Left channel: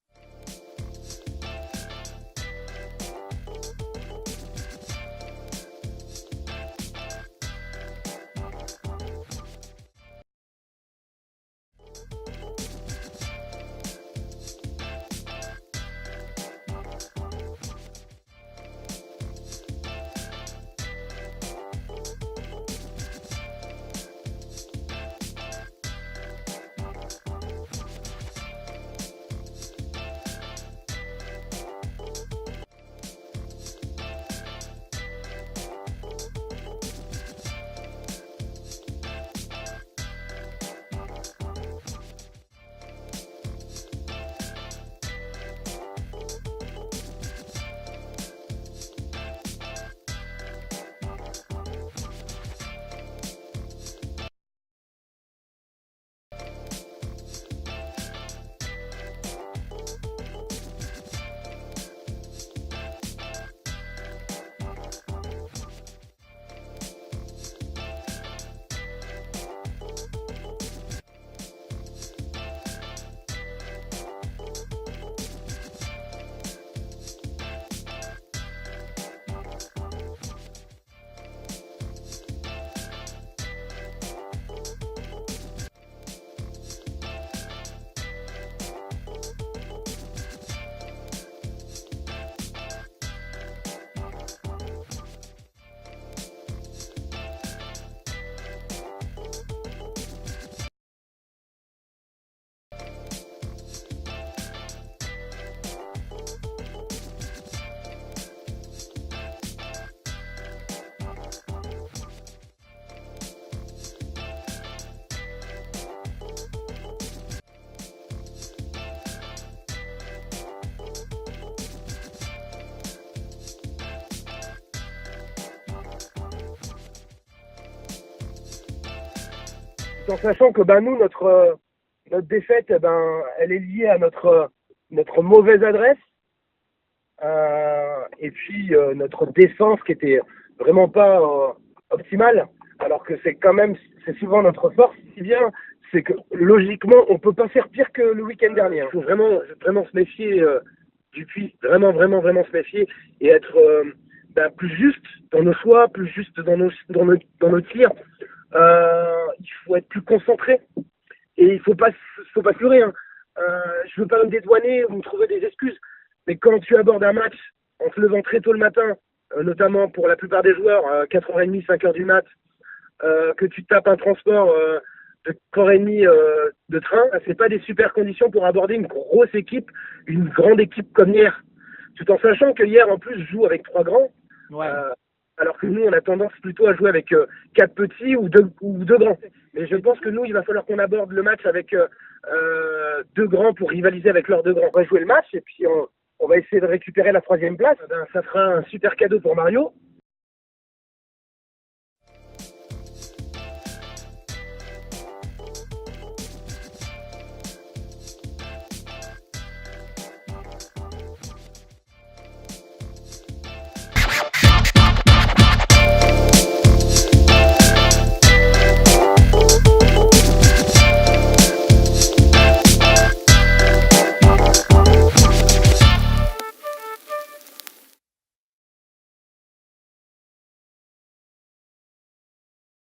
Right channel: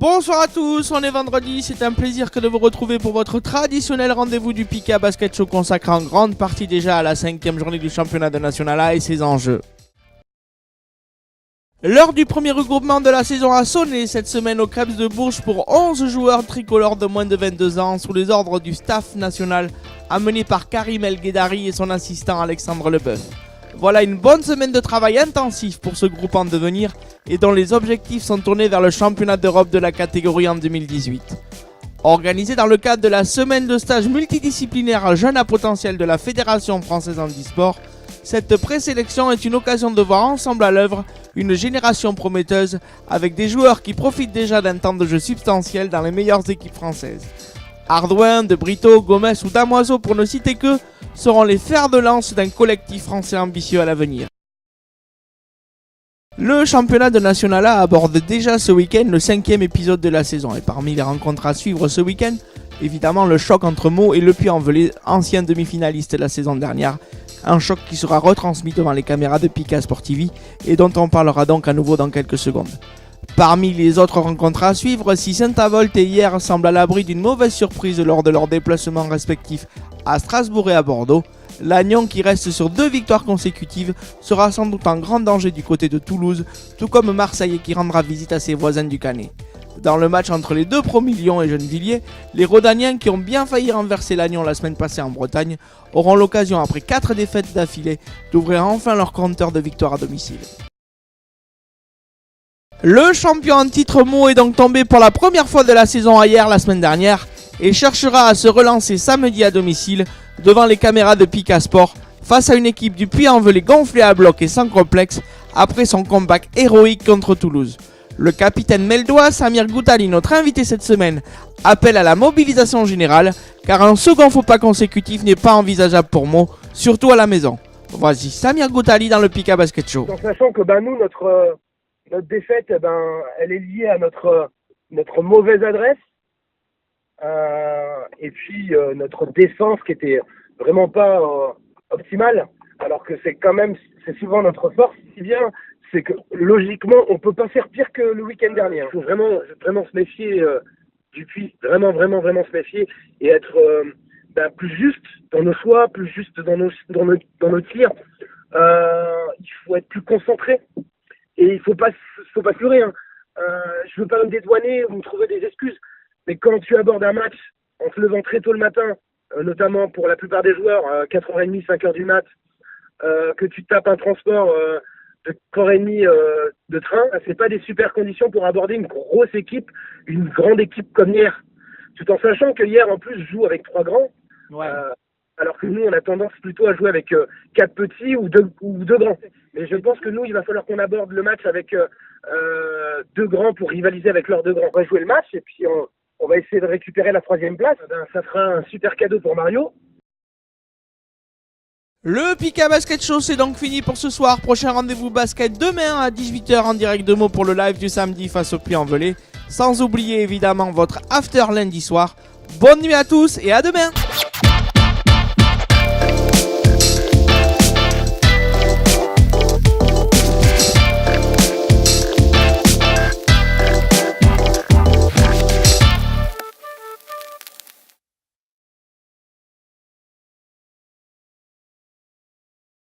Bonsoir à tous, on est vendredi, c'est un plaisir que de vous retrouver pour votre traditionnel rendez-vous du Pika Basket Show consacré en grande partie déjà à la 5e journée du championnat de National A et ses enjeux. L'heure du premier regroupement de la saison a sonné cette semaine au Krebs de Bourges pour 11 joueurs tricolores de moins de 22 ans sous les ordres du staff national amené par Karim El Guedari et son assistant Alexandre Leboeuf. Voilà une bonne semaine de travail intensif pour ce groupe en devenir et dont les objectifs sont tournés vers le championnat d'Europe de la catégorie en 2018. Organisé dans le cadre de la semaine de stage multidisciplinaire jeunes à potentiel de la Fédération française handisport, cette présélection est une occasion de voir ensemble à l'œuvre une génération prometteuse avec des joueurs qui profitent déjà d'un temps de jeu substantiel dans les meilleures équipes françaises. Ardouin, De Brito, Gomez ou Damoiseau, pour ne citer que, seront les fers de lance d'un collectif français ambitieux à l'avenir. Le championnat de National A aborde déjà ce week-end le 5e épisode de la saison. Et parmi les rencontres à suivre ce week-end, évidemment le choc entre Meaux et Le Puy-en-Velay, ancien demi-finaliste la saison dernière. Un choc qui sera retransmis devant les caméras de Pika Sport TV et dont on parlera donc à nouveau dans quelques secondes. Parmi les autres rencontres à suivre, si Saint-Avold et Hyères semblent à l'abri d'une mauvaise surprise lors de leurs déplacements respectifs à Strasbourg et à Bordeaux, Lannion, qui reste sur 2 victoires consécutives, sera sans doute en grand danger du côté de Toulouse, tout comme Marseille qui rendra visite à ses voisins du Canet. Dans le match entre les deux promus Lyon et Gennevilliers, les Rodaniens, qui ont bien failli renverser Lannion la semaine passée en Bretagne, auront l'occasion, après 4 défaites d'affilée, d'ouvrir enfin leur compteur de victoires à domicile. Le champion en titre Meaux est donc tombé pour la première fois de la saison à Hyères la semaine dernière et cherchera à se relancer samedi à domicile devant les caméras de Pika Sport face à une équipe du Puy-en-Velay gonflée à bloc et sans complexe après son comeback héroïque contre Toulouse. Le capitaine Meldois, Samir Goutali, notre invité cette semaine, appelle à la mobilisation générale car un second faux pas consécutif n'est pas envisageable pour Meaux, surtout à la maison. Voici Samir Goutali dans le Pika Basket Show. En sachant que nous, notre défaite, elle est liée à notre mauvaise adresse et puis notre défense qui était vraiment pas optimale, alors que c'est souvent notre force. Si bien, c'est que logiquement, on peut pas faire pire que le week-end dernier. Il faut vraiment se méfier du Puy, vraiment se méfier et être plus juste dans nos choix, plus juste dans nos tirs. Il faut être plus concentré. Et il faut pas se leurrer. Je veux pas me dédouaner ou me trouver des excuses. Mais quand tu abordes un match en te levant très tôt le matin, notamment pour la plupart des joueurs, 4h30, 5h du mat, que tu tapes un transport de 4h30 de train, c'est pas des super conditions pour aborder une grosse équipe, une grande équipe comme hier. Tout en sachant que hier, en plus, joue avec 3 grands. Ouais. Alors que nous, on a tendance plutôt à jouer avec 4 petits ou 2 grands. Mais je pense que nous, il va falloir qu'on aborde le match avec 2 grands pour rivaliser avec leurs 2 grands. On va jouer le match et puis on va essayer de récupérer la 3e place. Ça sera un super cadeau pour Mario. Le Pika Basket Show, c'est donc fini pour ce soir. Prochain rendez-vous basket demain à 18h en direct de Meaux pour le live du samedi face au Puy-en-Velay. Sans oublier évidemment votre after lundi soir. Bonne nuit à tous et à demain.